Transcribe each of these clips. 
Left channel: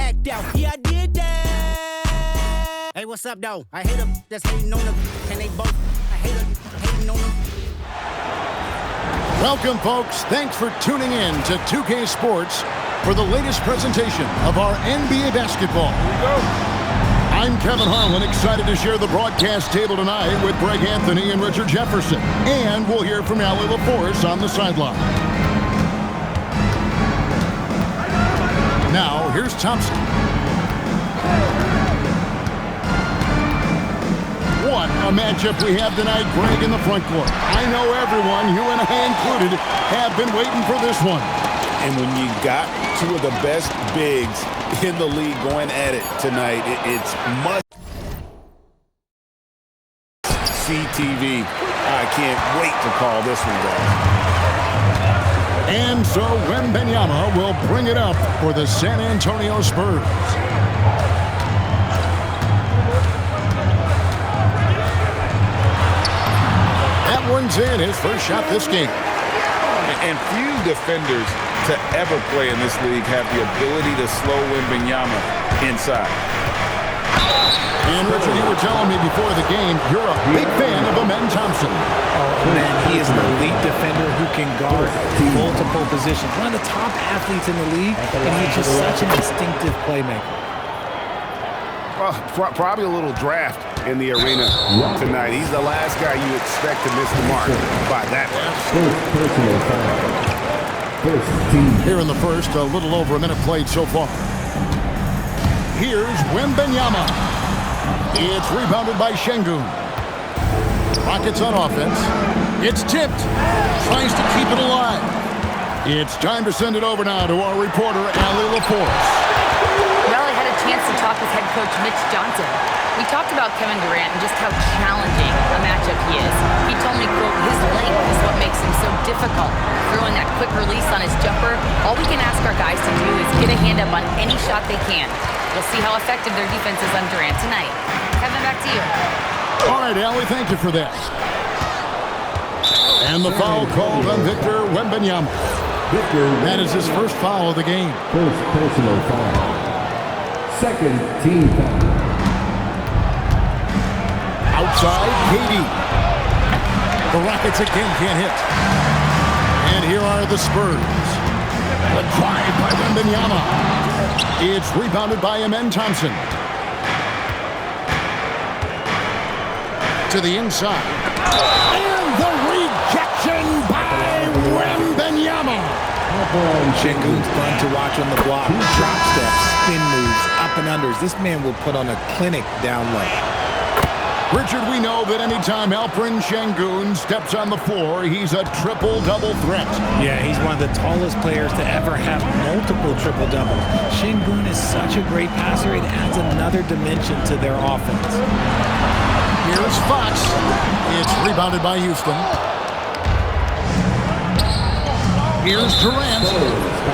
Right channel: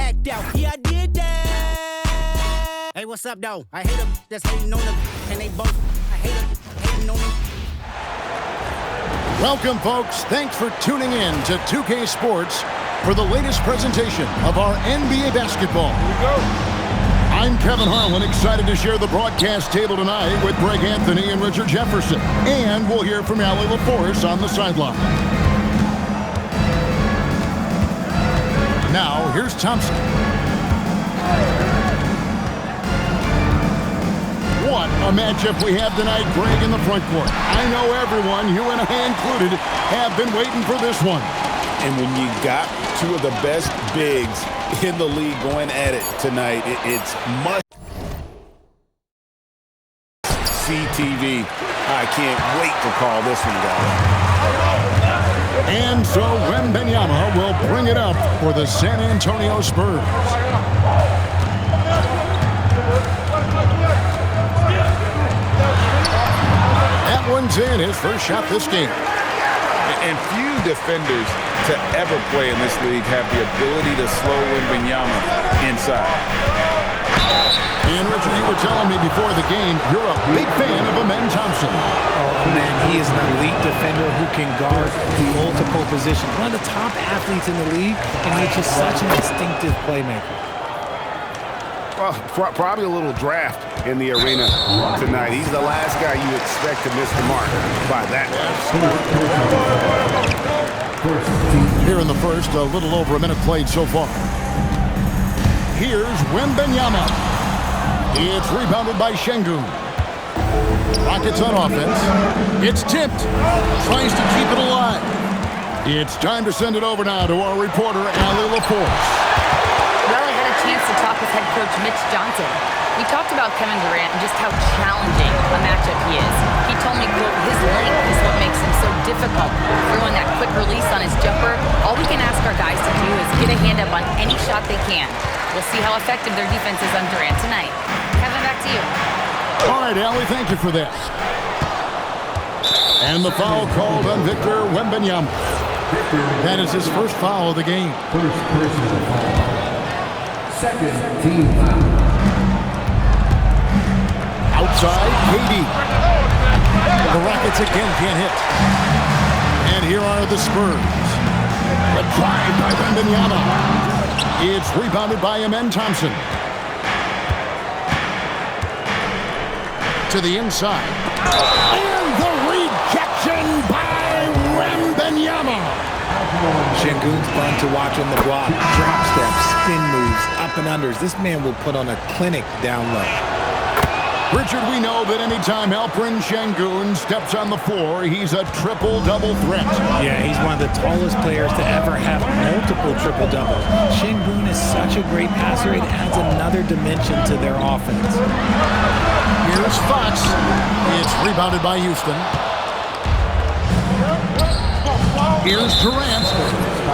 act out. Yeah, I did that. Hey, what's up, though? I hate them that's hating on them. And they both, I hate them hating on them. Welcome, folks. Thanks for tuning in to 2K Sports for the latest presentation of our NBA basketball. Here we go. I'm Kevin Harlan, excited to share the broadcast table tonight with Greg Anthony and Richard Jefferson. And we'll hear from Allie LaForce on the sideline. Now, here's Thompson. What a matchup we have tonight, Greg, in the front court. I know everyone, you and I included, have been waiting for this one. And when you got two of the best bigs in the league going at it tonight, it's must-see TV. I can't wait to call this one, guys. And so Wembanyama will bring it up for the San Antonio Spurs. That one's in, his first shot this game. And few defenders to ever play in this league have the ability to slow Wembanyama inside. And Richard, you were telling me before the game, you're a big fan of Amen Thompson. Oh, man, he is an elite defender who can guard multiple positions. One of the top athletes in the league, and he's just such an instinctive playmaker. Well, probably a little draft in the arena tonight. He's the last guy you expect to miss the mark by that much. Here in the first, a little over a minute played so far. Here's Wembanyama. It's rebounded by Şengün. Rockets on offense. It's tipped. Tries to keep it alive. It's time to send it over now to our reporter, Allie LaForce. Well, I had a chance to talk with head coach Mitch Johnson. We talked about Kevin Durant and just how challenging a matchup he is. He told me, quote, his length is what makes him so difficult. Throwing that quick release on his jumper, all we can ask our guys to do is get a hand up on any shot they can. We'll see how effective their defense is on Durant tonight. Kevin, back to you. All right, Allie, thank you for that. And the foul called on Victor Wembanyama. That is his first foul of the game. First personal foul. Second team foul. Outside, KD. The Rockets again can't hit. And here are the Spurs. The drive by Wembanyama. It's rebounded by Amen Thompson. To the inside. And the rejection by Wembanyama. Şengün's fun to watch on the block. Drop steps, spin moves, up and unders. This man will put on a clinic down low. Richard, we know that anytime Alperen Şengün steps on the floor, he's a triple-double threat. Yeah, he's one of the tallest players to ever have multiple triple-doubles. Şengün is such a great passer, it adds another dimension to their offense. Here's Fox. It's rebounded by Houston. Here's Durant.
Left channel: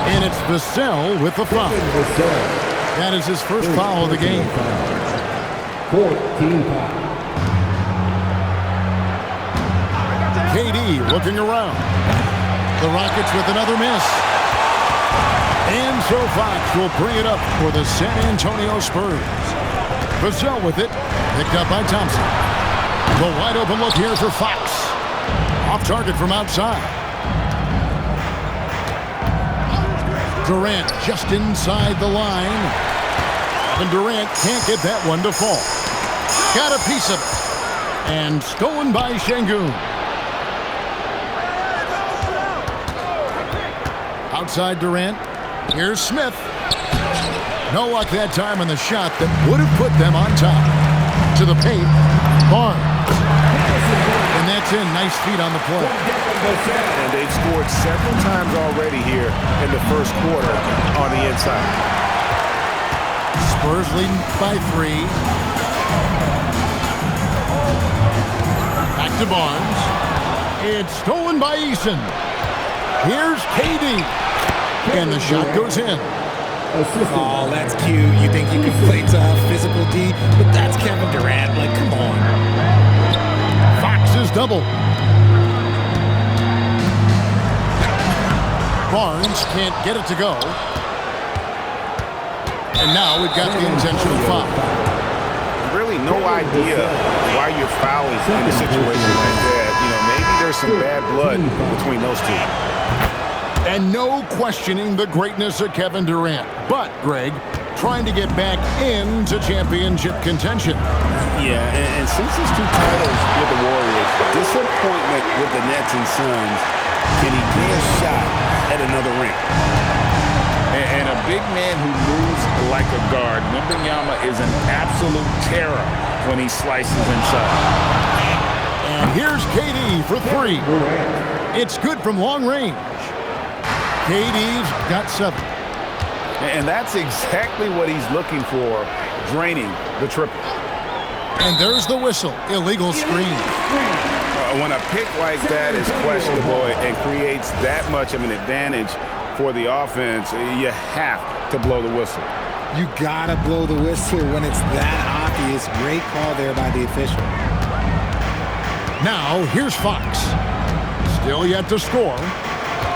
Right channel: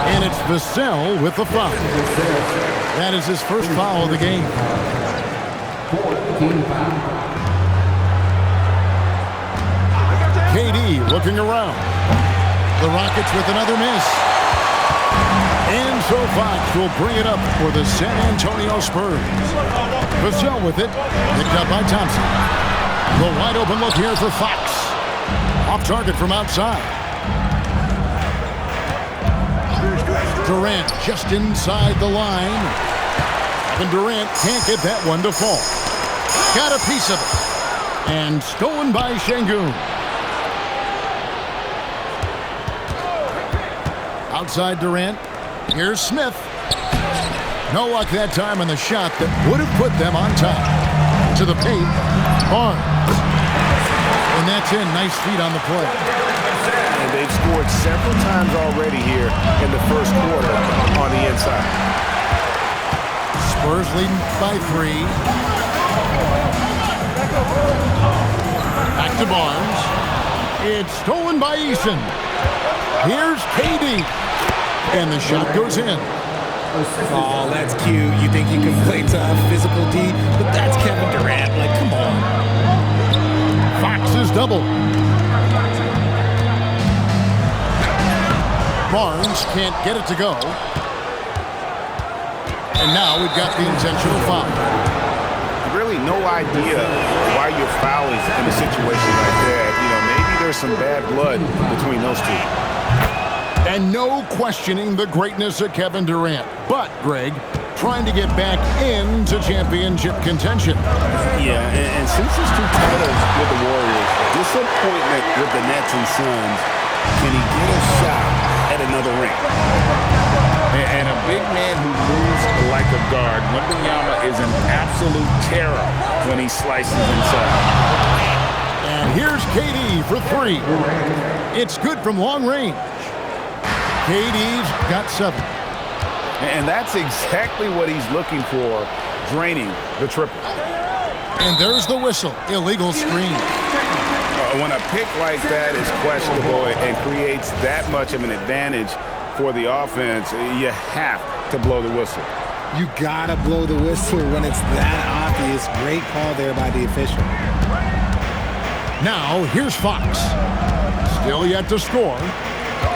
And it's Vassell with the foul. That is his first foul of the game. 14 foul. KD looking around. The Rockets with another miss. And so Fox will bring it up for the San Antonio Spurs. Vassell with it. Picked up by Thompson. The wide open look here for Fox. Off target from outside. Durant just inside the line. Kevin Durant can't get that one to fall. Got a piece of it. And stolen by Şengün. Outside Durant. Here's Smith. No luck that time on the shot that would have put them on top. To the paint. Barnes. And that's in. Nice feet on the play. And they've scored several times already here in the first quarter on the inside. Spurs leading by 3. Back to Barnes. It's stolen by Eason. Here's KD. And the shot goes in. Oh, that's cute. You think you can play tough, physical D, but that's Kevin Durant. Like, come on. Fox is double. Barnes can't get it to go. And now we've got the intentional foul. Really no idea why you're fouling in a situation like that. You know, maybe there's some bad blood between those two. And no questioning the greatness of Kevin Durant. But, Greg, trying to get back into championship contention. Yeah, and since his 2 titles with the Warriors, disappointment with the Nets and Suns, can he get a shot at another ring? And a big man who moves like a guard, Wembanyama is an absolute terror when he slices inside. And here's KD for 3. It's good from long range. KD's got 7. And that's exactly what he's looking for, draining the triple. And there's the whistle. Illegal screen. When a pick like that is questionable and creates that much of an advantage for the offense, you have to blow the whistle. You gotta blow the whistle when it's that obvious. Great call there by the official. Now, here's Fox. Still yet to score.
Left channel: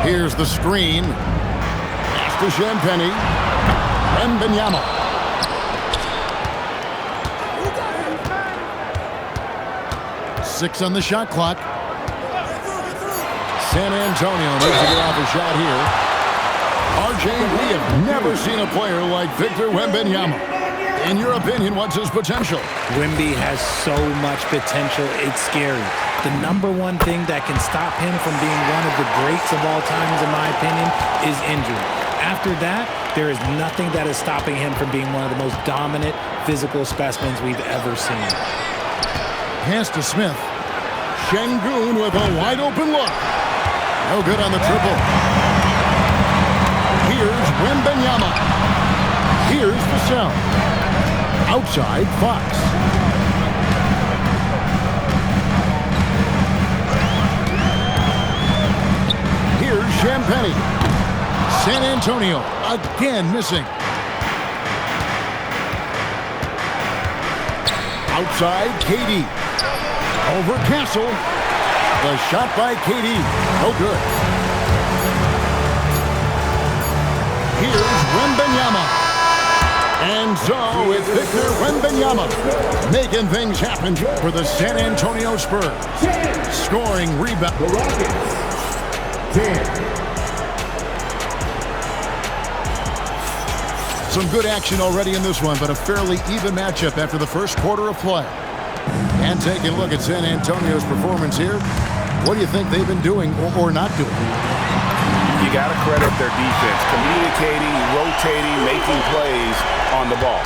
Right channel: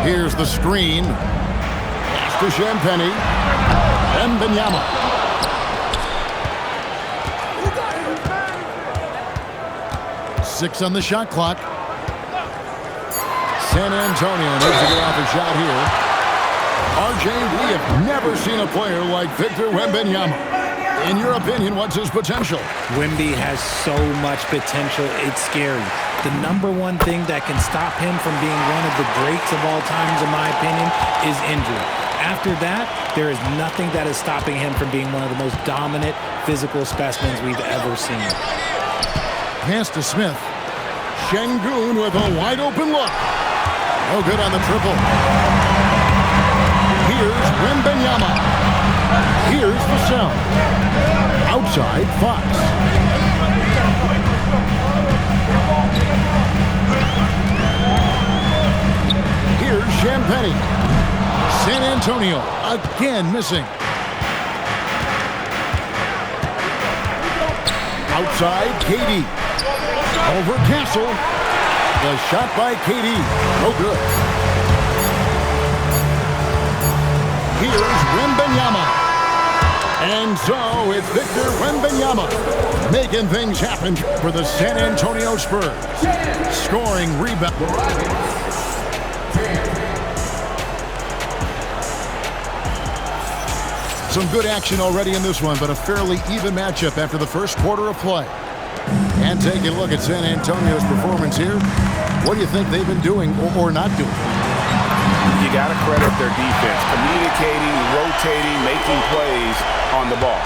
Here's the screen. Pass to Champagnie. Wembanyama. Six on the shot clock. San Antonio needs to get off a shot here. RJ, we have never seen a player like Victor Wembanyama. In your opinion, what's his potential? Wemby has so much potential, it's scary. The #1 thing that can stop him from being one of the greats of all times, in my opinion, is injury. After that, there is nothing that is stopping him from being one of the most dominant physical specimens we've ever seen. Pass to Smith. Şengün with a wide open look. No good on the triple. Here's Wembanyama. Here's Vassell. Outside, Fox. Here's Champagnie. San Antonio again missing. Outside, KD. Over Castle. The shot by KD. No good. Here's Wembanyama. And so it's Victor Wembanyama making things happen for the San Antonio Spurs. Scoring rebound. Some good action already in this one, but a fairly even matchup after the first quarter of play. And taking a look at San Antonio's performance here, what do you think they've been doing or not doing? You got to credit their defense, communicating, rotating, making plays on the ball.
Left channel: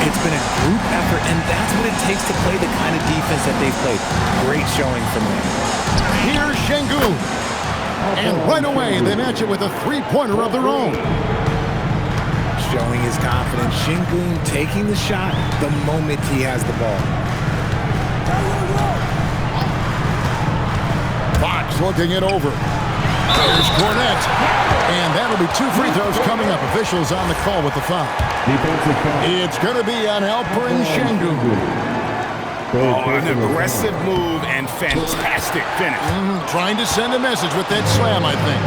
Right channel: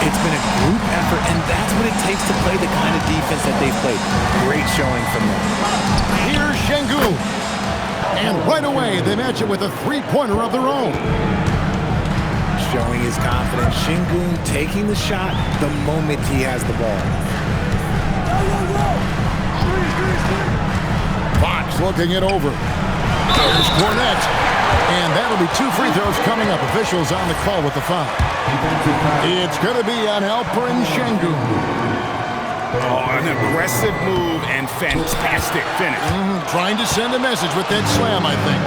It's been a group effort, and that's what it takes to play the kind of defense that they've played. Great showing from them. Here's Şengün. And right away, they match it with a three-pointer of their own. Showing his confidence. Şengün taking the shot the moment he has the ball. Fox looking it over. There's Cornette. And that'll be 2 free throws coming up. Officials on the call with the foul. It's going to be on Alperen Şengün. Oh, an aggressive move and fantastic finish. Trying to send a message with that slam, I think.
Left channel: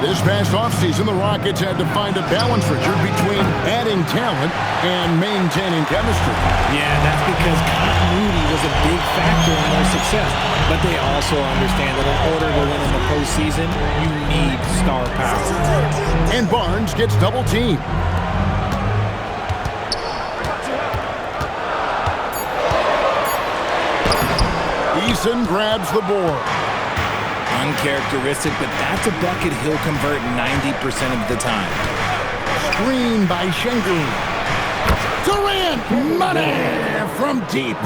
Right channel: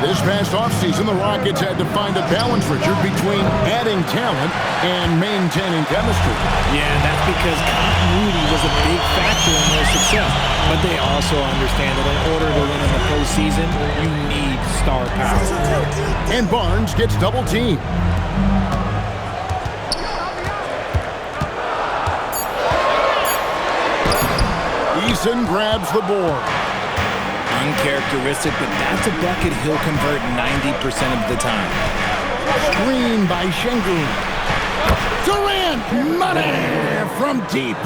This past offseason, the Rockets had to find a balance, Richard, between adding talent and maintaining chemistry. Yeah, that's because continuity was a big factor in their success. But they also understand that in order to win in the postseason, you need star power. And Barnes gets double-teamed. Eason grabs the board. Uncharacteristic, but that's a bucket he'll convert 90% of the time. Screen by Şengün. Durant, money from deep.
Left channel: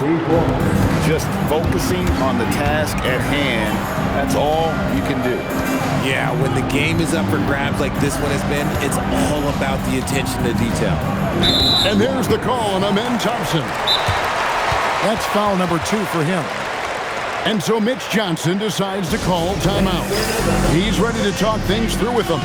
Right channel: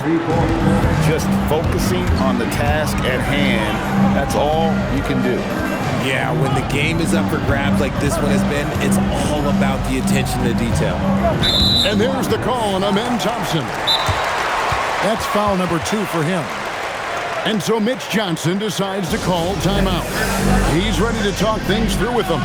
Just focusing on the task at hand, that's all you can do. Yeah, when the game is up for grabs like this one has been, it's all about the attention to detail. And there's the call on Amen Thompson. That's foul number 2 for him. And so Mitch Johnson decides to call timeout. He's ready to talk things through with them.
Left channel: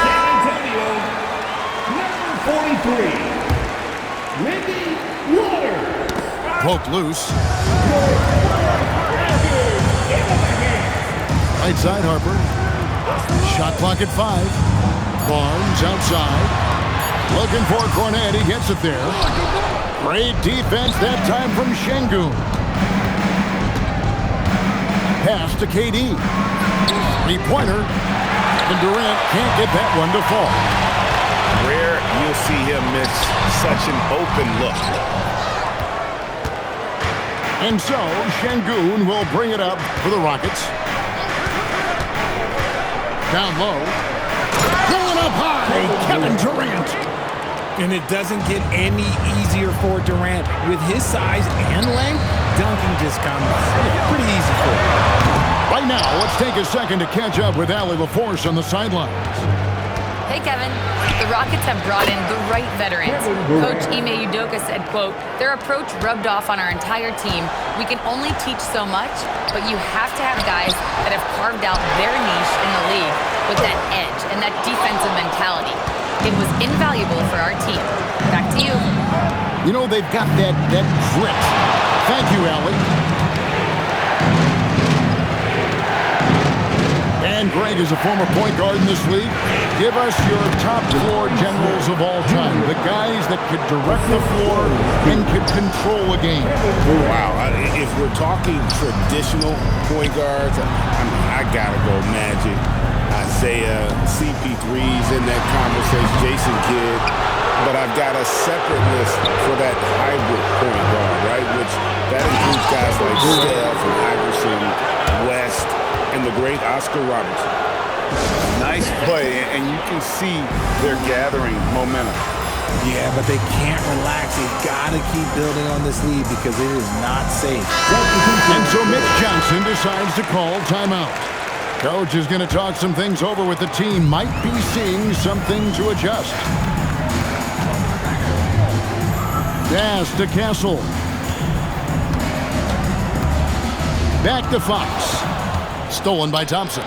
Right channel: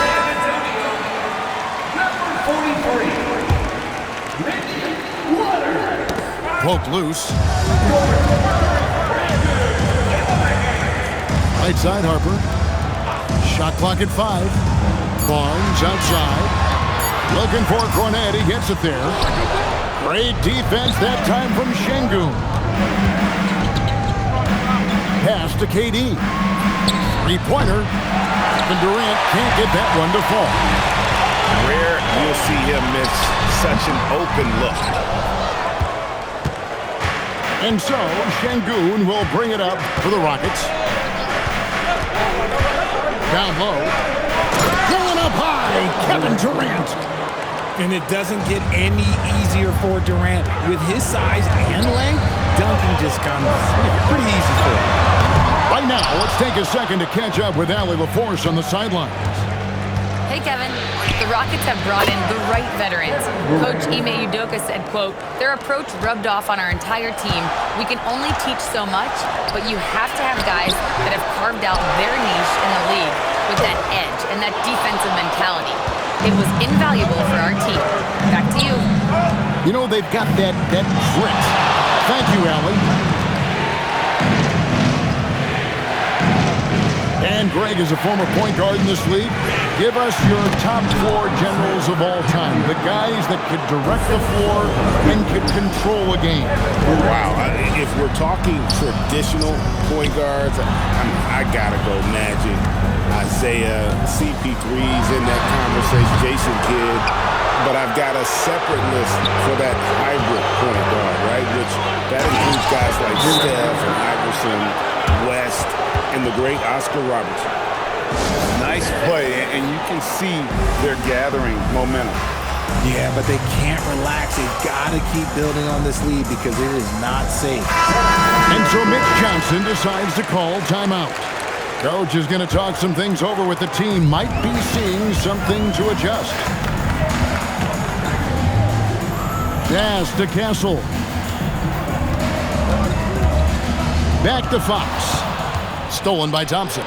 San Antonio, number 43. Poked loose. Right side, Harper. Shot clock at 5. Barnes outside. Looking for Cornet. He gets it there. Great defense that time from Şengün. Pass to KD. Three-pointer. Kevin Durant can't get that one to fall. Rare you'll see him miss such an open look. And so, Şengün will bring it up for the Rockets. Down low. Going up high, Kevin Durant. And it doesn't get any easier for Durant. With his size and length, dunking just comes pretty easy for him. Right now, let's take a second to catch up with Allie LaForce on the sidelines. Hey, Kevin. The Rockets have brought in the right veterans. Coach Ime Udoka said, quote, their approach rubbed off on our entire team. We can only teach so much, but you have to have guys that have carved out their niche in the league with that edge and that defensive mentality. It was invaluable for our team. Back to you. You know, they've got that grit. Thank you, Allie. And Greg is a former point guard in this league. Give us your top floor generals of all time. The guys that could direct the floor and could control a game. Wow. If we're talking traditional point guards, I gotta go Magic, Isaiah, CP3's in that conversation, Jason Kidd. But I've got a separate list for that hybrid point guard, right? Which that includes guys like Steph and Iverson, West, and the great Oscar Robertson. Nice play, and you can see they're gathering momentum. Yeah, but they can't relax. They've got to keep building on this lead because it is not safe. And so Mitch Johnson decides to call timeout. Coach is going to talk some things over with the team. Might be seeing something to adjust. Pass to Castle. Back to Fox. Stolen by Thompson.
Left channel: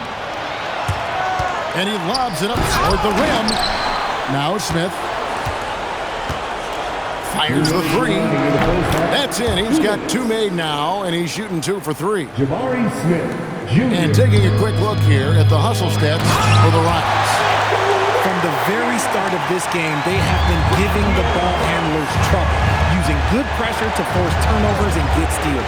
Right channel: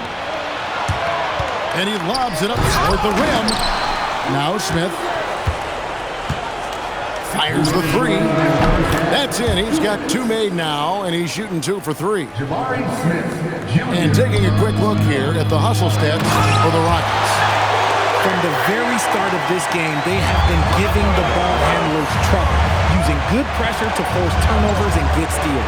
And he lobs it up toward the rim. Now Smith. Fires the three. That's in. He's got 2 made now, and he's shooting 2 for 3. Jabari Smith, Jr. And taking a quick look here at the hustle stats for the Rockets. From the very start of this game, they have been giving the ball handlers trouble, using good pressure to force turnovers and get steals.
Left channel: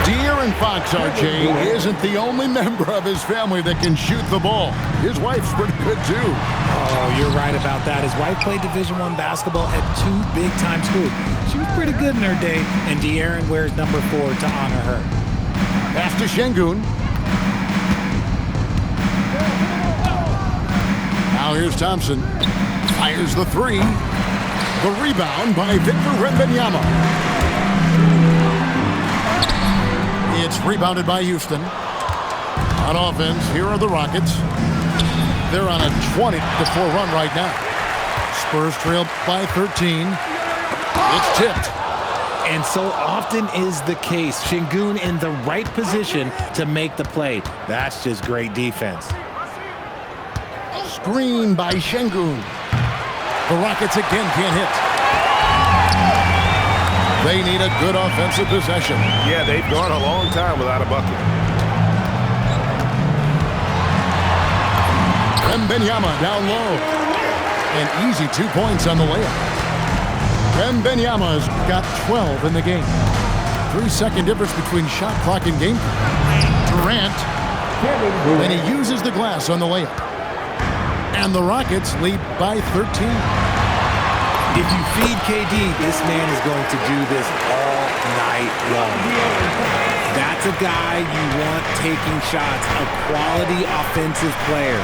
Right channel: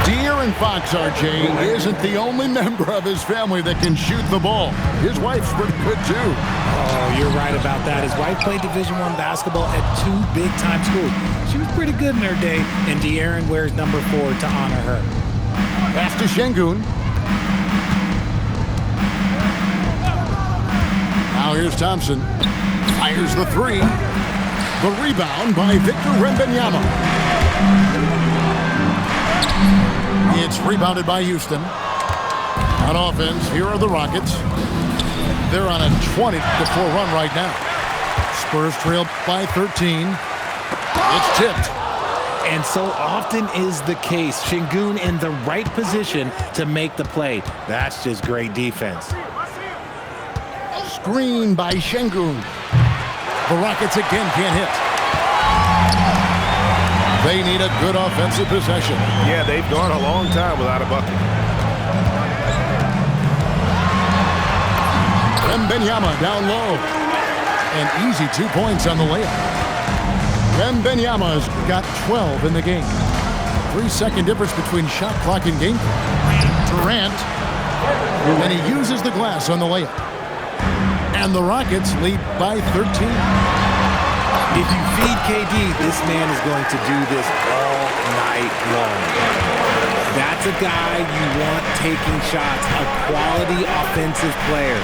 De'Aaron Fox, RJ, isn't the only member of his family that can shoot the ball. His wife's pretty good, too. Oh, you're right about that. His wife played Division I basketball at 2 big-time schools. She was pretty good in her day, and De'Aaron wears number 4 to honor her. Pass to Şengün. Now here's Thompson. Fires the 3. The rebound by Victor Wembanyama. It's rebounded by Houston. On offense, here are the Rockets. They're on a 20-4 run right now. Spurs trail by 13. It's tipped. And so often is the case. Şengün in the right position to make the play. That's just great defense. Screen by Şengün. The Rockets again can't hit. They need a good offensive possession. Yeah, they've gone a long time without a bucket. Wembanyama down low. An easy 2 points on the layup. Wembanyama's got 12 in the game. 3-second difference between shot clock and game clock. Durant. And he uses the glass on the layup. And the Rockets lead by 13. If you feed KD, this man is going to do this all night long. That's a guy you want taking shots, a quality offensive player.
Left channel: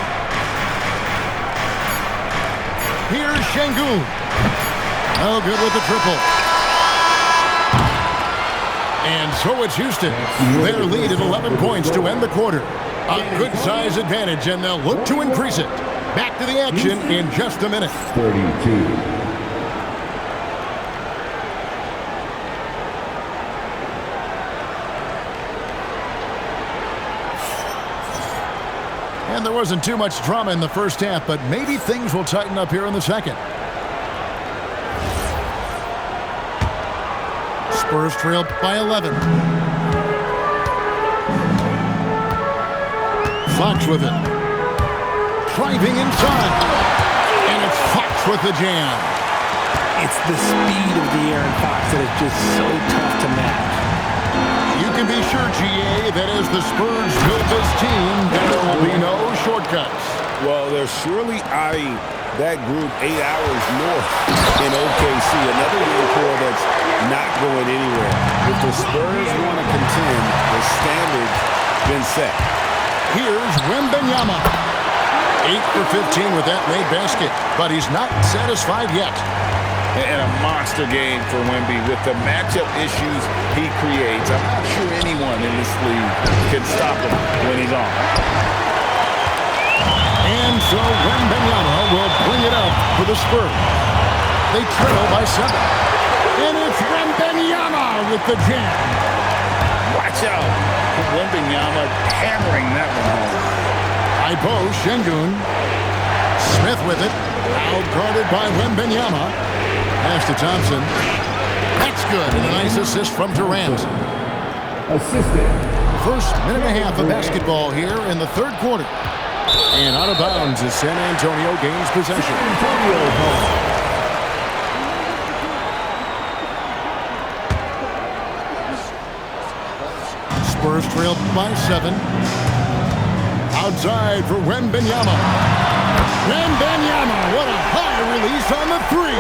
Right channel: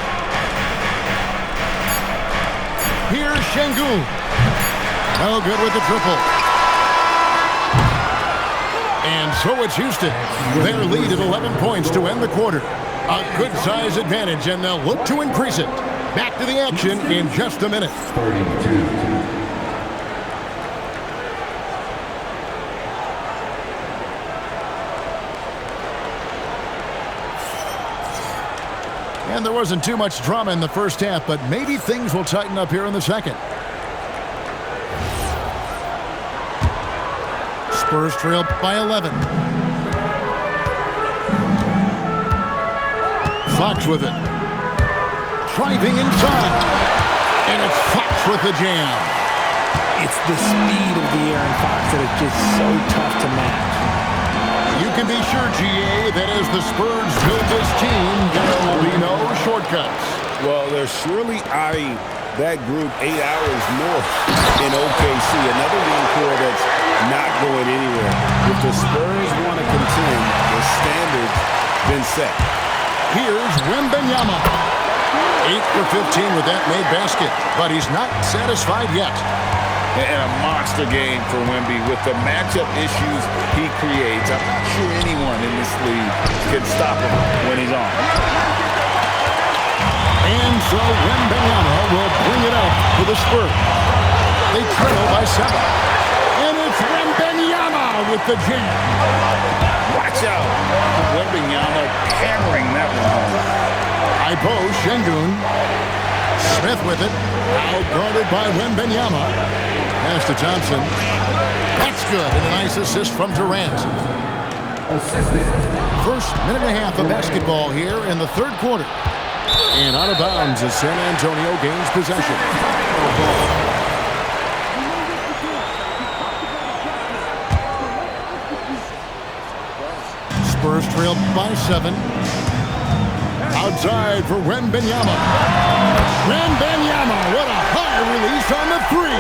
Here's Şengün. No good with the triple. And so it's Houston. Their lead at 11 points to end the quarter. A good size advantage, and they'll look to increase it. Back to the action in just a minute. 32. And there wasn't too much drama in the first half, but maybe things will tighten up here in the second. Spurs trail by 11. Fox with it. Driving inside. And it's Fox with the jam. It's the speed of the Aaron Fox that is just so tough to match. You can be sure, GA, that as the Spurs build this team, there will be no shortcuts. Well, they're surely eyeing that group 8 hours north in OKC. Another young core that's not going anywhere. If the Spurs want to contend, the standard's been set. Here's Wembanyama. 8 for 15 with that made basket, but he's not satisfied yet. And a monster game for Wemby with the matchup issues he creates. I'm not sure anyone in this league can stop him when he's on. And so Wembanyama will bring it up for the Spurs. They trail by 7. And it's Wembanyama with the jam. Watch out. Wembanyama hammering that one home. Ibo Şengün. Smith with it. Out guarded by Wembanyama. Pass to Thompson. That's good. And a nice assist from Durant. Assisted. First minute and a half of basketball here in the third quarter. And out of bounds as San Antonio gains possession. Spurs trail by 7. Outside for Wembanyama. Wembanyama, what a high release on the 3.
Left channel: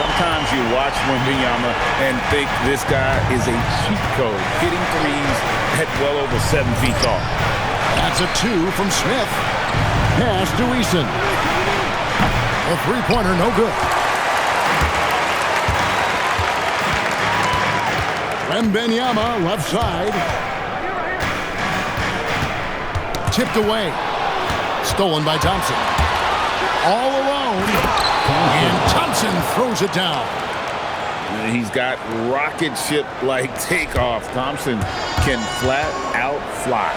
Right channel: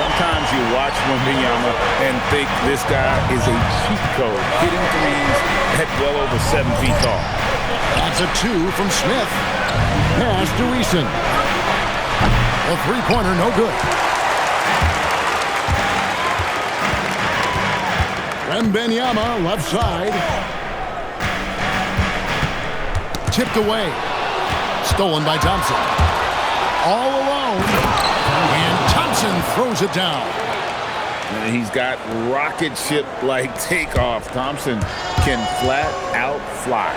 Sometimes you watch Wembanyama and think this guy is a cheat code, hitting threes at well over 7 feet tall. That's a 2 from Smith. Pass to Eason. A three-pointer, no good. Wembanyama, left side. Tipped away. Stolen by Thompson. All alone. And Thompson throws it down. He's got rocket ship-like takeoff. Thompson can flat out fly.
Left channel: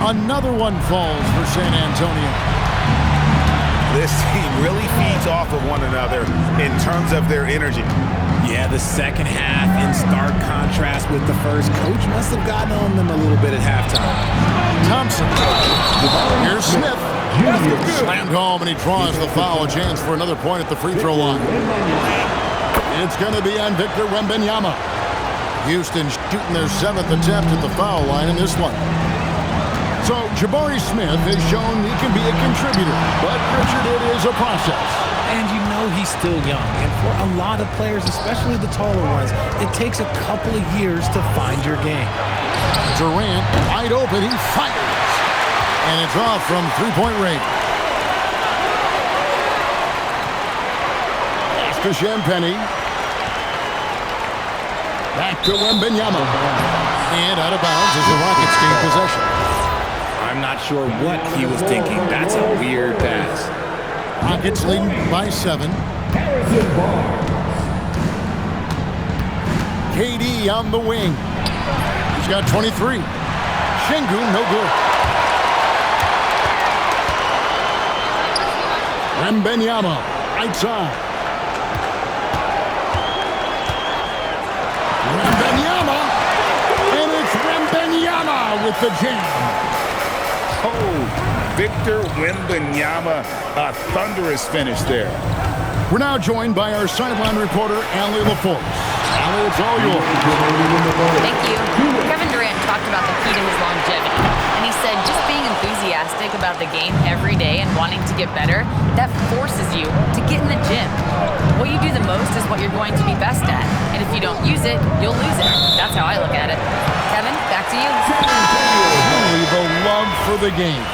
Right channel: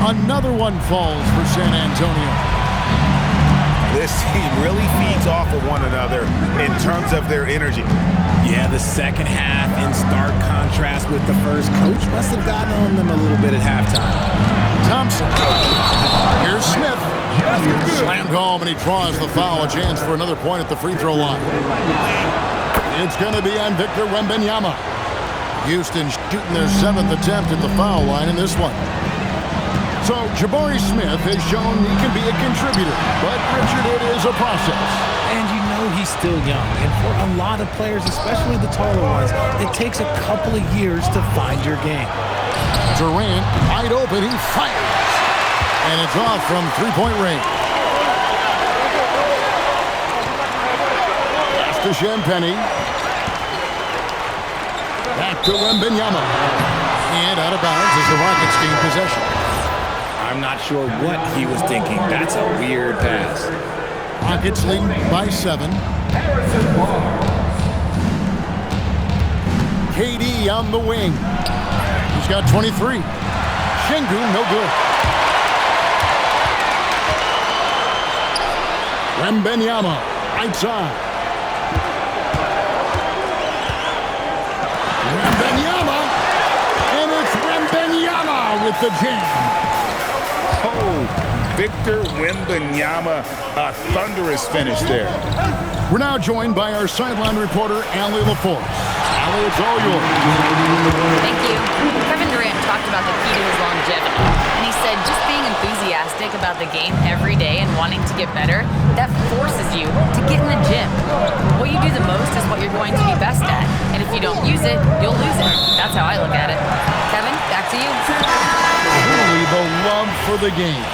Another one falls for San Antonio. This team really feeds off of one another in terms of their energy. Yeah, the second half in stark contrast with the first. Coach must have gotten on them a little bit at halftime. Thompson. Here's Smith. Slammed home, and he draws the foul. A chance for another point at the free throw line. It's going to be on Victor Wembanyama. Houston shooting their 7th attempt at the foul line in this one. So Jabari Smith has shown he can be a contributor, but Richard, it is a process. And you know he's still young, and for a lot of players, especially the taller ones, it takes a couple of years to find your game. Durant, wide open, he fires. And it's off from three-point range. Pass to Champagny. Back to Wembanyama. And out of bounds as the Rockets gain possession. I'm not sure what he was thinking. That's a weird pass. Rockets leading by 7. KD on the wing. He's got 23. Şengün, no good. Wembanyama, right side. Wembanyama, and it's Wembanyama with the jam. Oh, Victor Wembanyama, a thunderous finish there. We're now joined by our sideline reporter, Allie LaForce. Allie, it's all yours. Thank you. Kevin Durant talked about the key to his longevity, and he said just being enthusiastic about the game every day and wanting to get better, that forces you to get in the gym. What you do the most is what you're going to be best at, and if you don't use it, you'll lose it. That's how I look at it. Kevin, back to you. Truly the love for the game.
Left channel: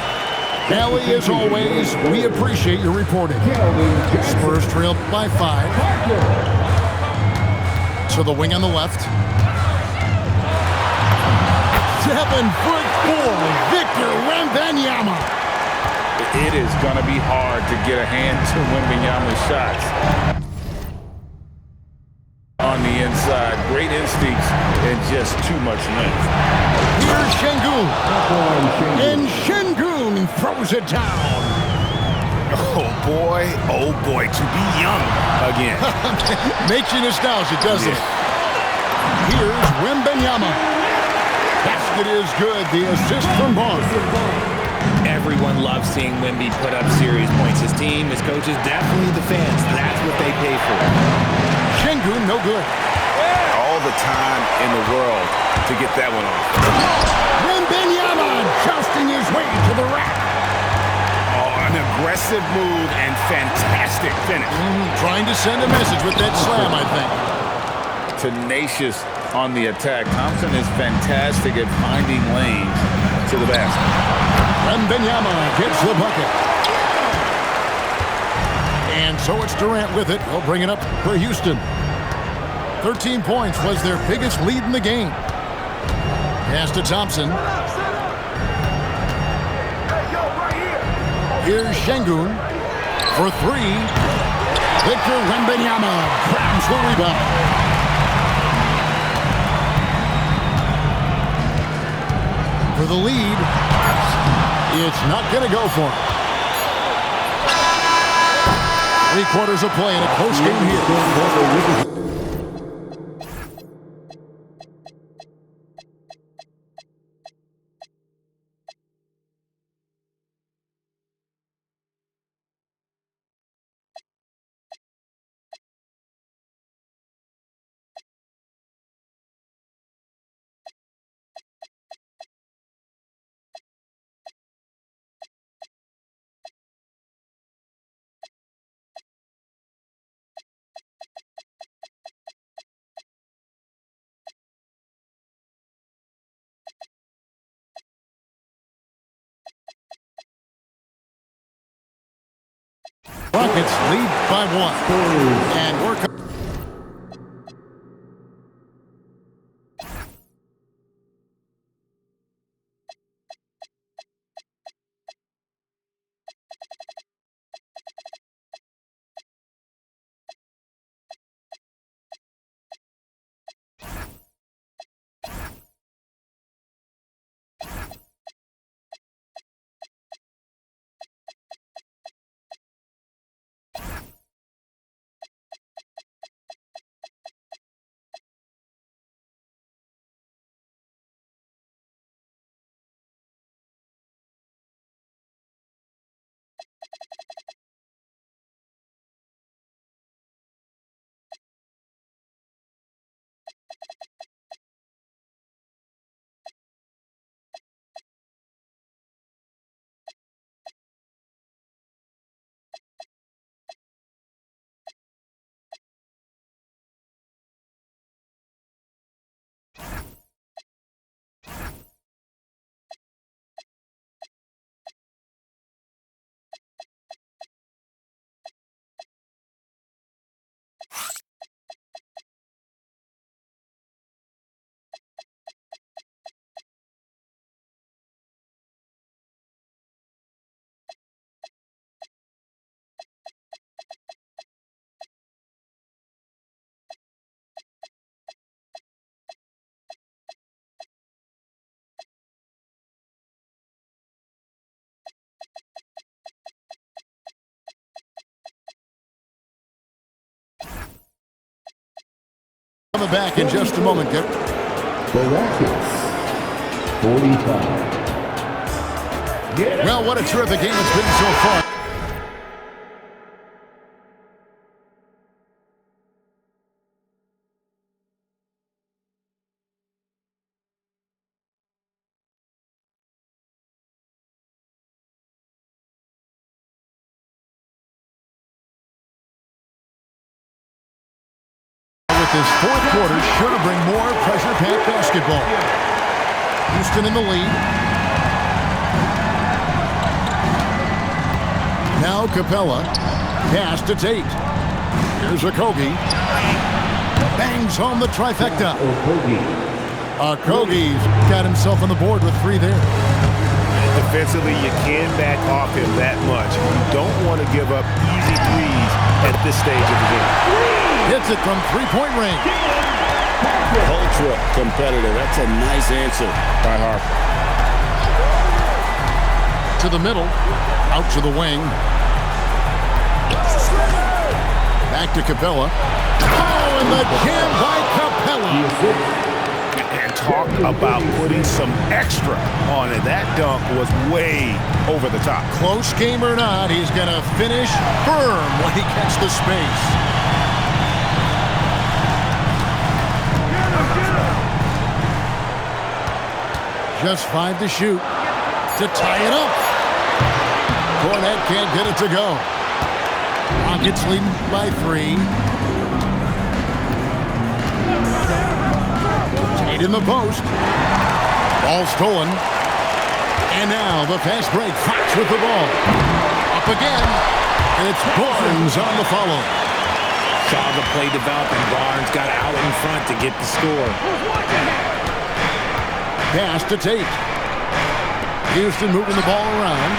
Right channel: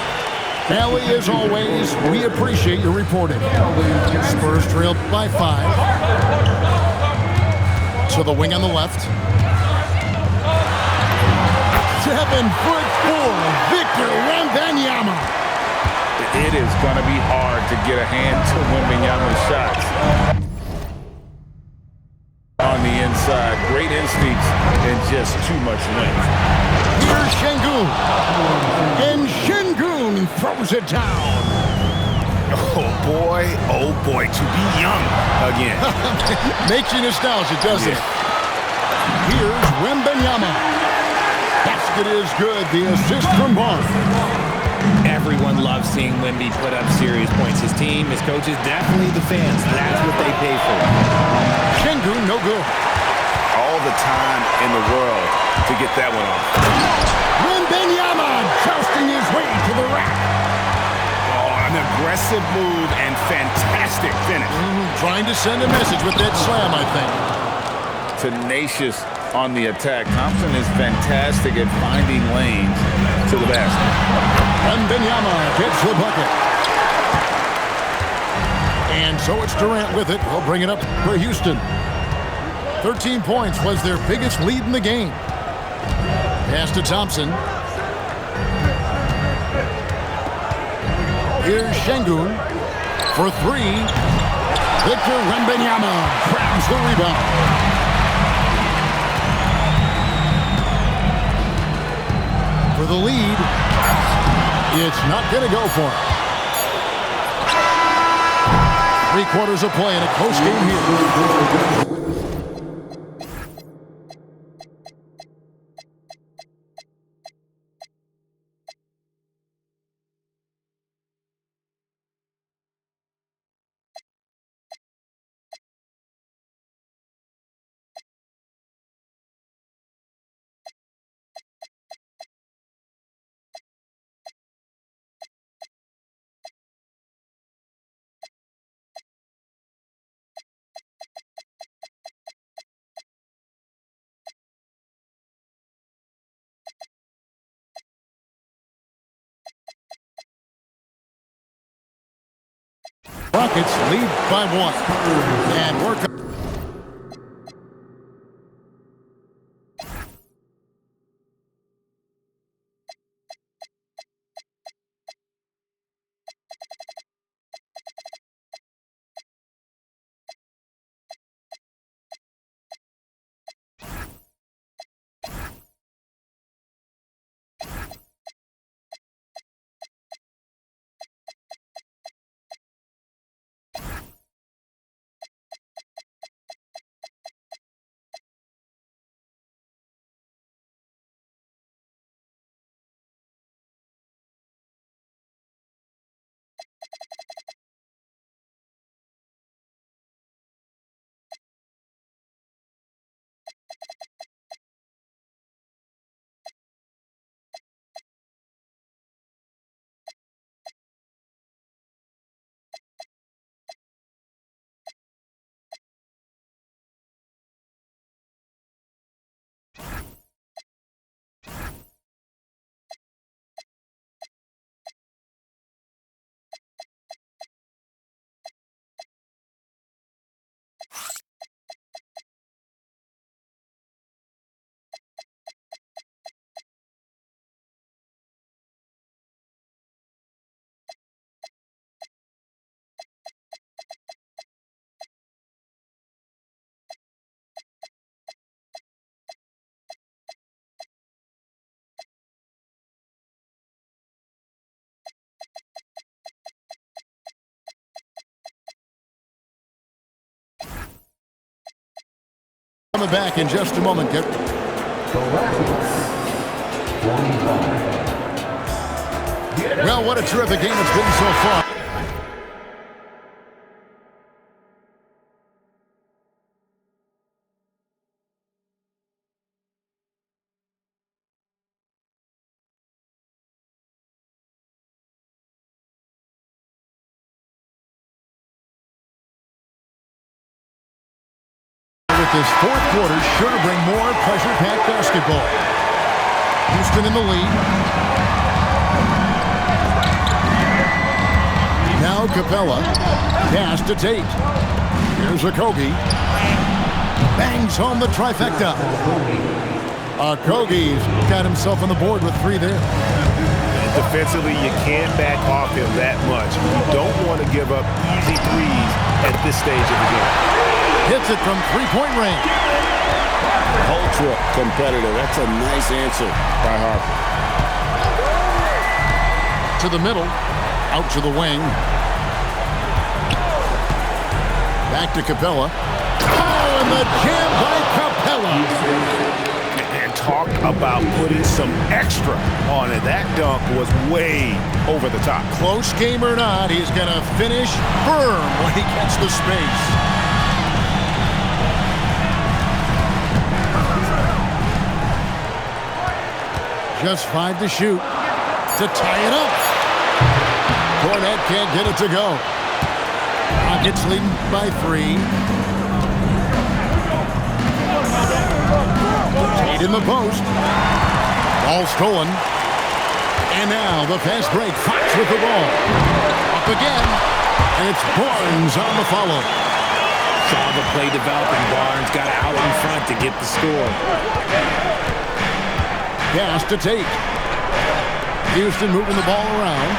Allie, as always, we appreciate your reporting. Spurs trail by 5. To the wing on the left. 7'4", Victor Wembanyama. It is going to be hard to get a hand to Wembanyama's shots. On the inside, great instincts and just too much length. Here's Şengün. And Şengün throws it down. Oh boy, to be young again. Makes you nostalgic, doesn't it? Here's Wembanyama. Basket is good. The assist from Barnes. Everyone loves seeing Wemby put up serious points. His team, his coaches, definitely the fans. That's what they pay for. Şengün, no good. All the time in the world to get that one off. Wembanyama jousting his way to the rack. Oh, an aggressive move and fantastic finish. Trying to send a message with that slam, I think. Tenacious on the attack. Thompson is fantastic at finding lanes to the basket. Wembanyama gets the bucket. And so it's Durant with it. We'll bring it up for Houston. 13 points was their biggest lead in the game. Pass to Thompson. Here's Şengün for three. Victor Wembanyama grabs the rebound. For the lead, it's not going to go for him. 3 quarters of play in a close game here. Rockets lead by 1. And work. Coming back in just a moment. The Rockets, 45. Well, what a terrific game it's been so far. With this fourth quarter, sure to bring more pressure-packed basketball. Houston in the lead. Now Capella. Pass to Tate. Here's Okogie. Bangs home the trifecta. Okogie's got himself on the board with 3 there. Defensively, you can't back off him that much. You don't want to give up easy threes at this stage of the game. Hits it from 3-point range. Ultra competitive. That's a nice answer by Harper. To the middle, out to the wing. Back to Capella. Oh, and the jam by Capella. And talk about putting some extra on it. That dunk was way over the top. Close game or not, he's going to finish firm when he gets the space. Just 5 to shoot to tie it up. Cornette can't get it to go. Rockets leading by 3. Tate in the post. Ball stolen. And now the fast break. Fox with the ball. Up again. And it's Barnes on the follow. Saw the play develop, and Barnes got out in front to get the score. Pass to Tate. Houston moving the ball around.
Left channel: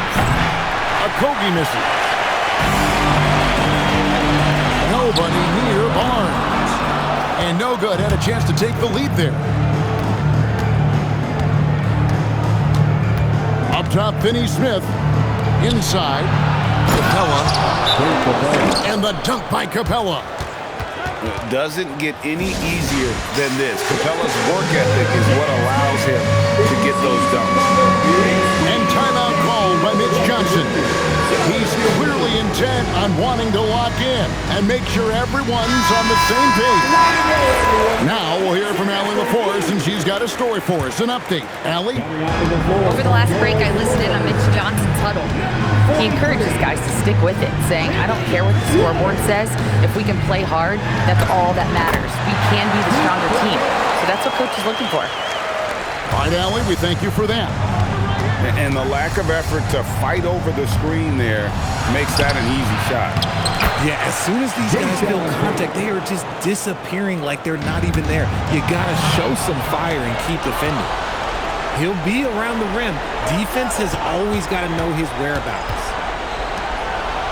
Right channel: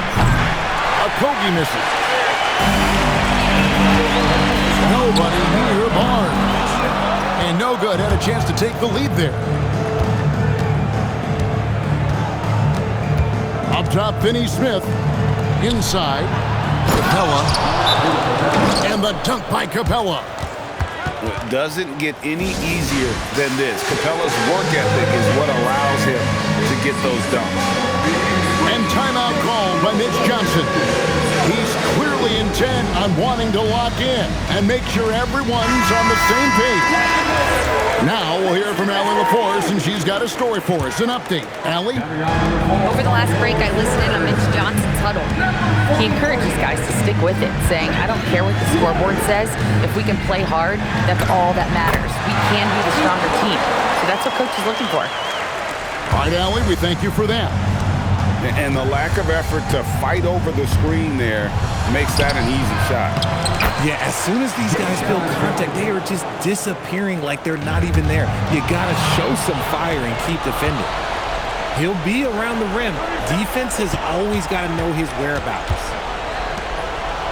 Okogie misses. Nobody near Barnes. And no good. Had a chance to take the lead there. Up top, Finney-Smith. Inside. Capella. And the dunk by Capella. It doesn't get any easier than this. Capella's work ethic is what allows him to get those dunks. And timeout called by Mitch Johnson. He's clearly intent on wanting to lock in and make sure everyone's on the same page. Now we'll hear from Allie LaForce, and she's got a story for us. An update. Allie? Over the last break, I listened in on Mitch Johnson's huddle. He encourages guys to stick with it, saying, I don't care what the scoreboard says. If we can play hard, that's all that matters. We can be the stronger team. So that's what Coach is looking for. All right, Allie, we thank you for that. And the lack of effort to fight over the screen there makes that an easy shot. Yeah, as soon as these guys feel contact, they are just disappearing like they're not even there. You got to show some fire and keep defending. He'll be around the rim. Defense has always got to know his whereabouts.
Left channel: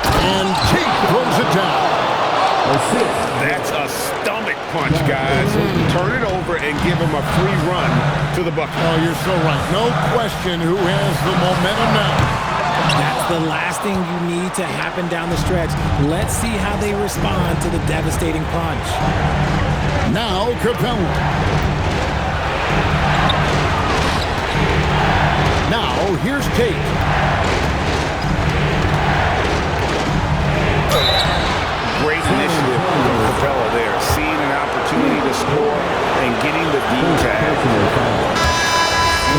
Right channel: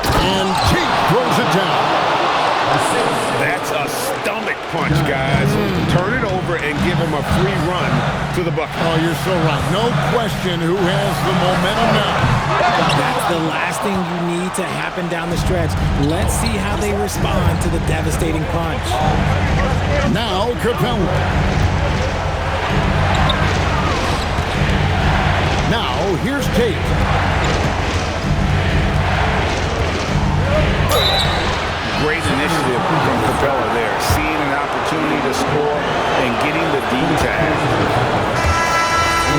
And Tate throws it down. That's a stomach punch, guys. Turn it over and give him a free run to the bucket. Oh, you're so right. No question who has the momentum now. That's the last thing you need to happen down the stretch. Let's see how they respond to the devastating punch. Now Capella. Now here's Tate. Great initiative from Capella there. Seeing an opportunity to score and getting the D tag.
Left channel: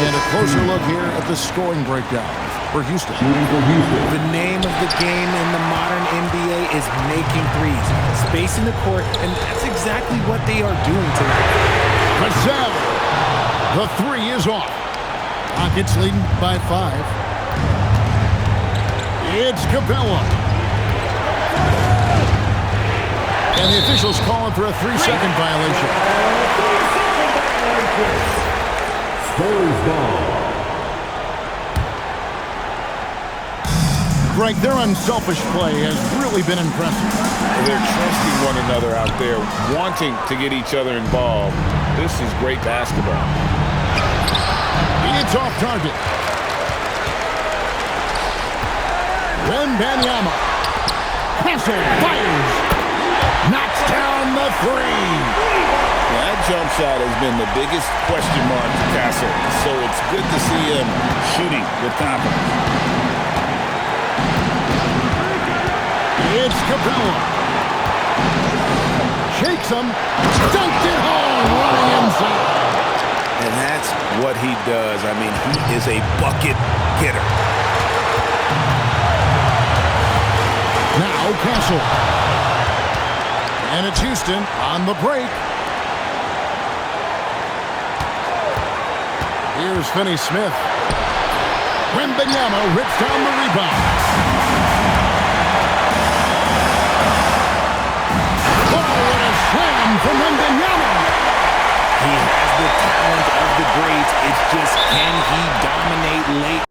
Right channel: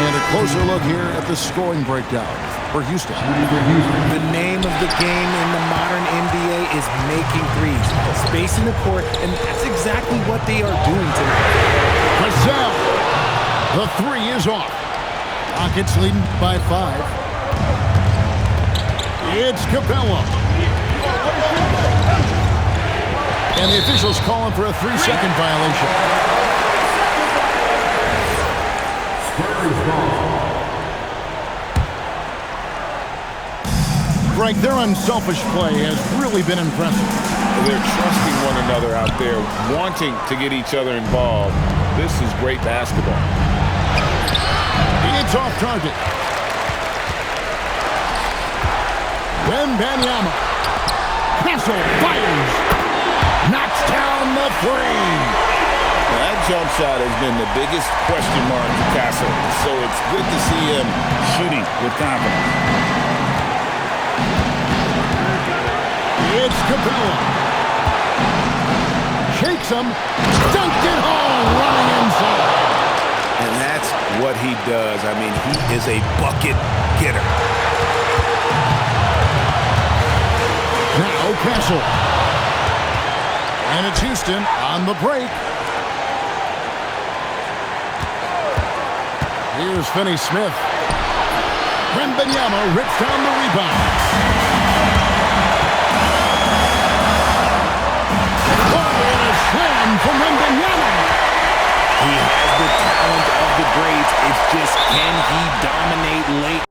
And a closer look here at the scoring breakdown for Houston. The name of the game in the modern NBA is making threes, spacing the court, and that's exactly what they are doing tonight. Vassell. The 3 is off. Rockets leading by 5. It's Capella. And the officials calling for a 3-second violation. Spurs ball. Greg, their unselfish play has really been impressive. They're trusting one another out there, wanting to get each other involved. This is great basketball. It's off target. Wembanyama. Castle fires. Knocks down the 3. That jump shot has been the biggest question mark for Castle, so it's good to see him shooting with confidence. It's Capella. Shakes him. Dunked it home, running inside. And that's what he does. I mean, he is a bucket getter. Now Castle. And it's Houston on the break. Here's Finney-Smith. Wembanyama rips down the rebound. Oh, and a slam from Wembanyama. He has the talent of the greats. It's just, can he dominate late?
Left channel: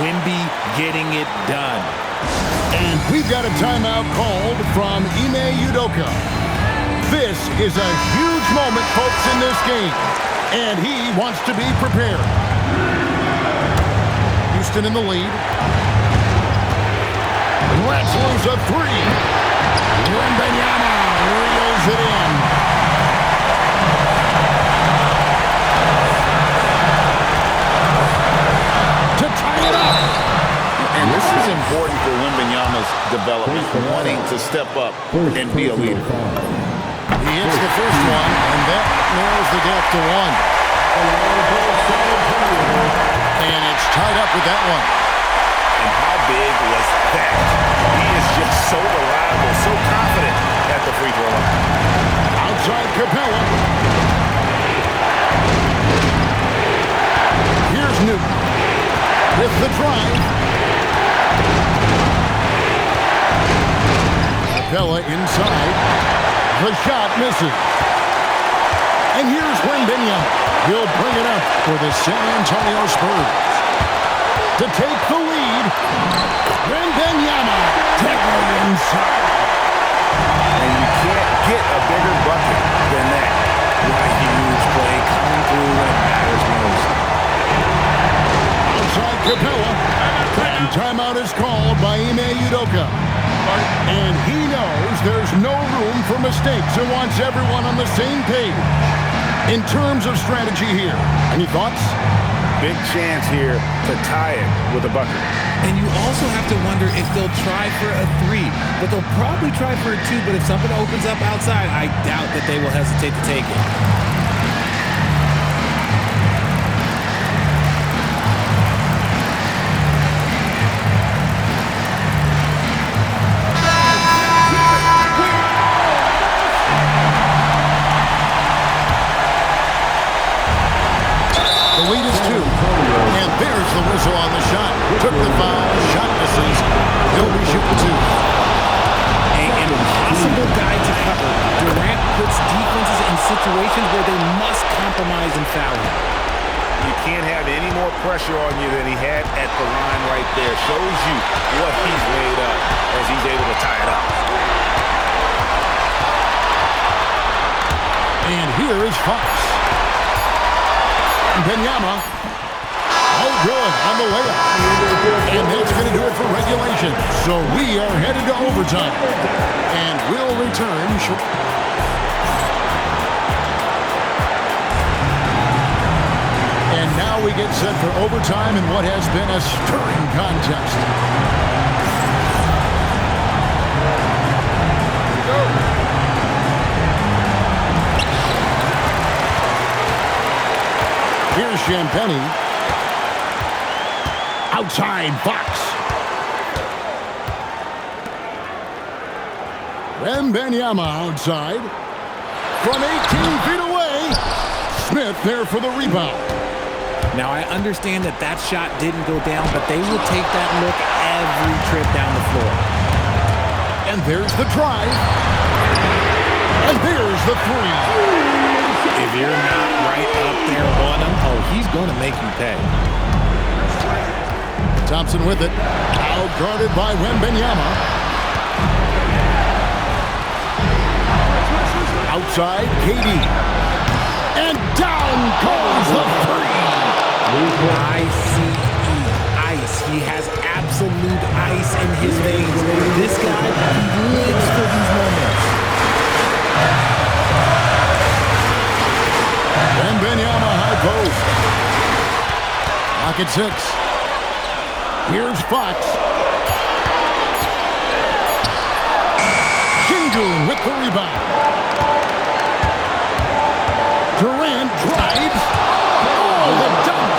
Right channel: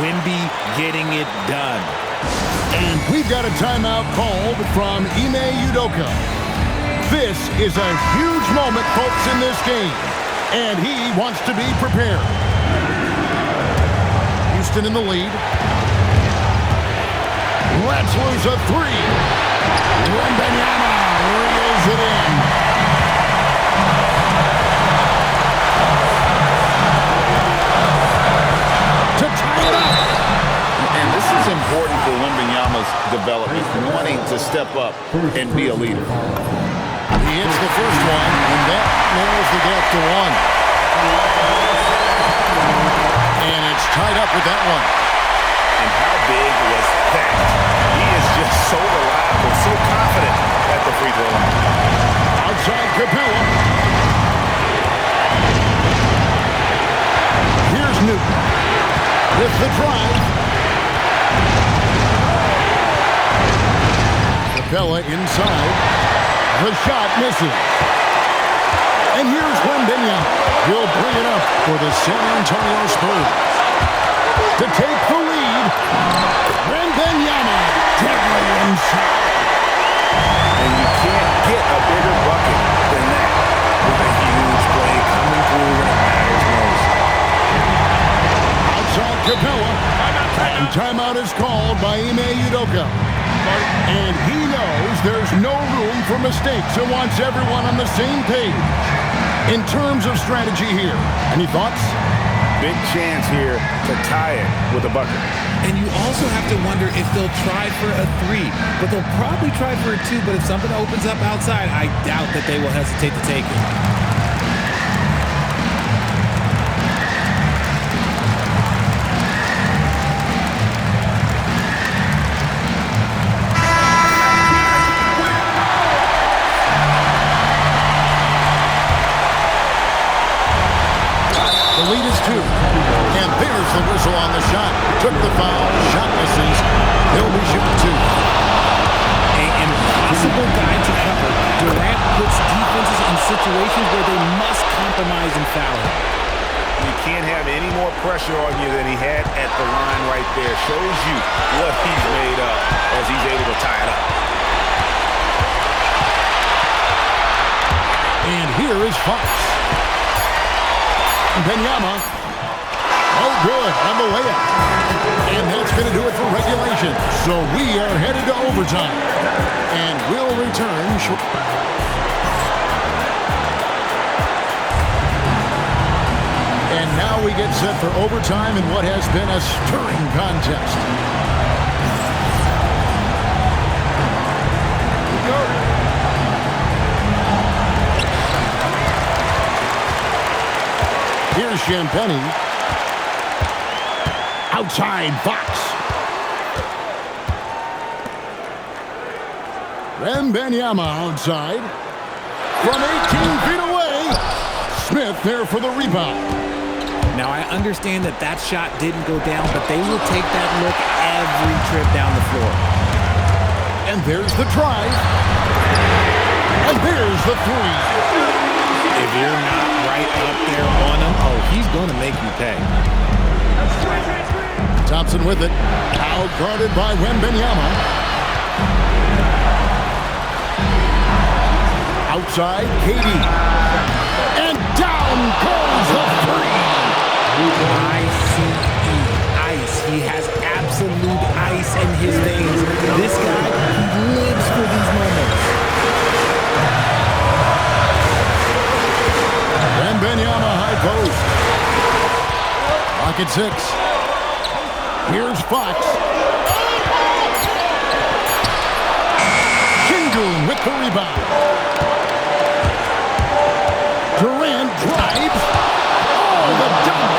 Wemby getting it done. And we've got a timeout called from Ime Udoka. This is a huge moment, folks, in this game. And he wants to be prepared. Houston in the lead. Let's lose a three. Wembanyama reels it in. To tie it up. And this is important for Wembanyama's development, wanting to step up and be a leader. He hits the first one, and that narrows the gap to one. And it's tied up with that one. And how big was that? He is just so reliable, so confident at the free throw line. Outside Capella. Here's Newton with the drive. Capella inside. The shot misses. And here's Wembanyama. He'll bring it up for the San Antonio Spurs. To take the lead, Wembanyama deadly inside. And you can't get a bigger bucket than that. What a huge play coming through when it matters most. Outside Capella. And timeout is called by Ime Udoka. And he knows there's no room for mistakes and wants everyone on the same page. In terms of strategy here, any thoughts? Big chance here to tie it with a bucket. And you also have to wonder if they'll try for a three. But they'll probably try for a two. But if something opens up outside, I doubt that they will hesitate to take it. The lead is 2. And there's the whistle on the shot. Took the foul. Shot misses. He'll be shooting 2. An impossible guy to cover. Durant puts defenses in situations where they must compromise and foul him. You can't have any more pressure on you than he had at the line right there. Shows you what he's made up as he's able to tie it up. And here is Fox. Wembanyama. Oh, good on the layup. And that's going to do it for regulation. So we are headed to overtime. And we'll return short. And now we get set for overtime in what has been a stirring contest. Here we go. Here's Champagny. Outside Fox. Wembanyama outside. From 18 feet away. Smith there for the rebound. Now, I understand that that shot didn't go down, but they will take that look every trip down the floor. And there's the drive. And there's the three. If you're not right up there on him, oh, he's going to make you pay. Thompson with it. Out guarded by Wembanyama. Outside, KD. And down goes the three. I-C-E, ice. He has absolute ice in his veins. This guy, he lives for these moments. Wembanyama high post. Pocket 6. Here's Fox. Şengün with the rebound. Durant drives. Oh, the dunk.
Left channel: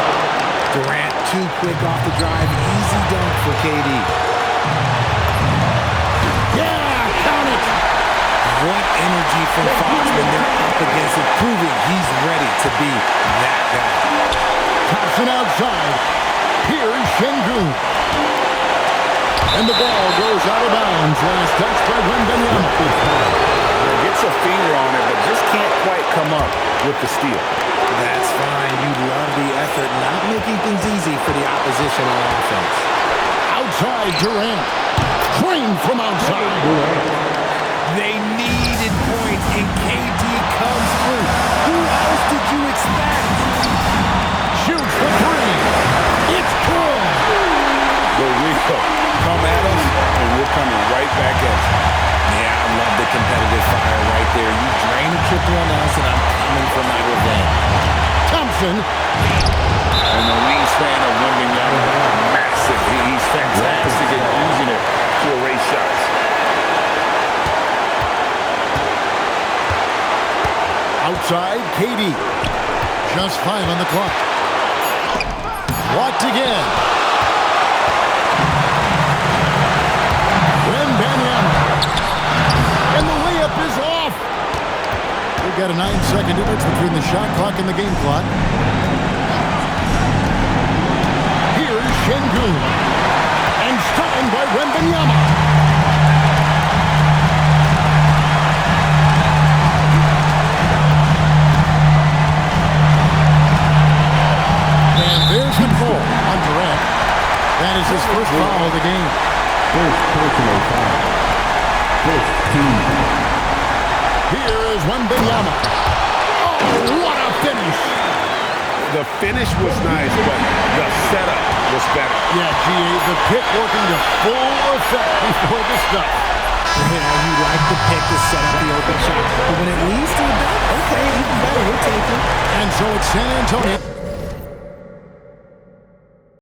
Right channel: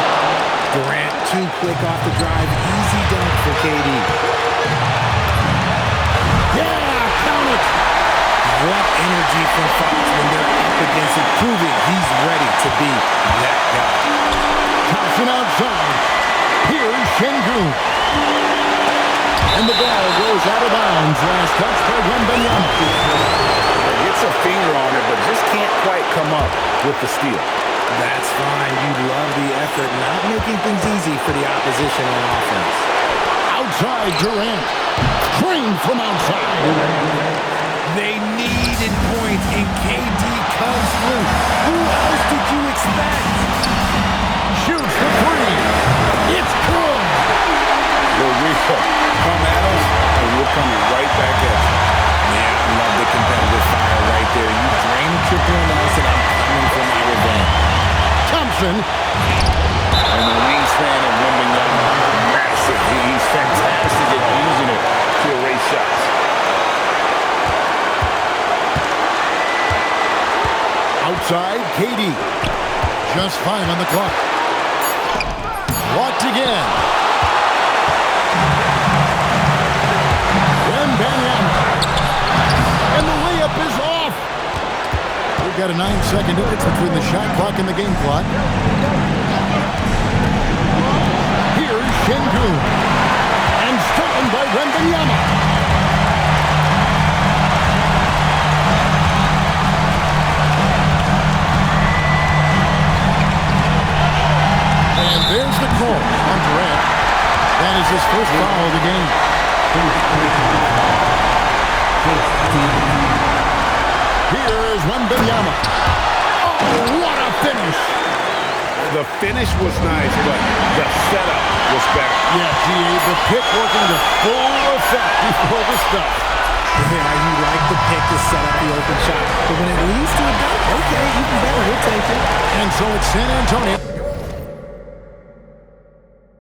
Durant too quick off the drive. Easy dunk for KD. Yeah, count it. What energy from Fox when they're up against it, proving he's ready to be that guy. Thompson outside. Here's Şengün. And the ball goes out of bounds. Last touch by Wembanyama. Gets a finger on it, but just can't quite come up with the steal. That's fine. You love the effort, not making things easy for the opposition on offense. Outside Durant. Drained from outside. They needed points, and KD comes through. Who else did you expect? Shoots the three. It's good. The real. Come at us, and we're coming right back at you. Yeah, I love the competitive fire right there. You drain a triple on us, and I'm coming for my revenge. Thompson. And the wingspan of Wembanyama, massive. He's fantastic at using it to erase shots. Outside, KD. Just 5 on the clock. Blocked again. Wembanyama. And the layup is off. We've got a 9-second difference between the shot clock and the game clock. Here's Şengün. And stolen by Wembanyama. And there's the call on Durant. That is his first foul of the game. Here is Wembanyama. Oh, what a finish. The finish was nice, but the setup was better. Yeah, GA, the pick working to full effect before the stuff. Yeah, you like the pick to set up the open shot, but when it leads to a dunk, okay, even better, we'll take it. And so it's San Antonio.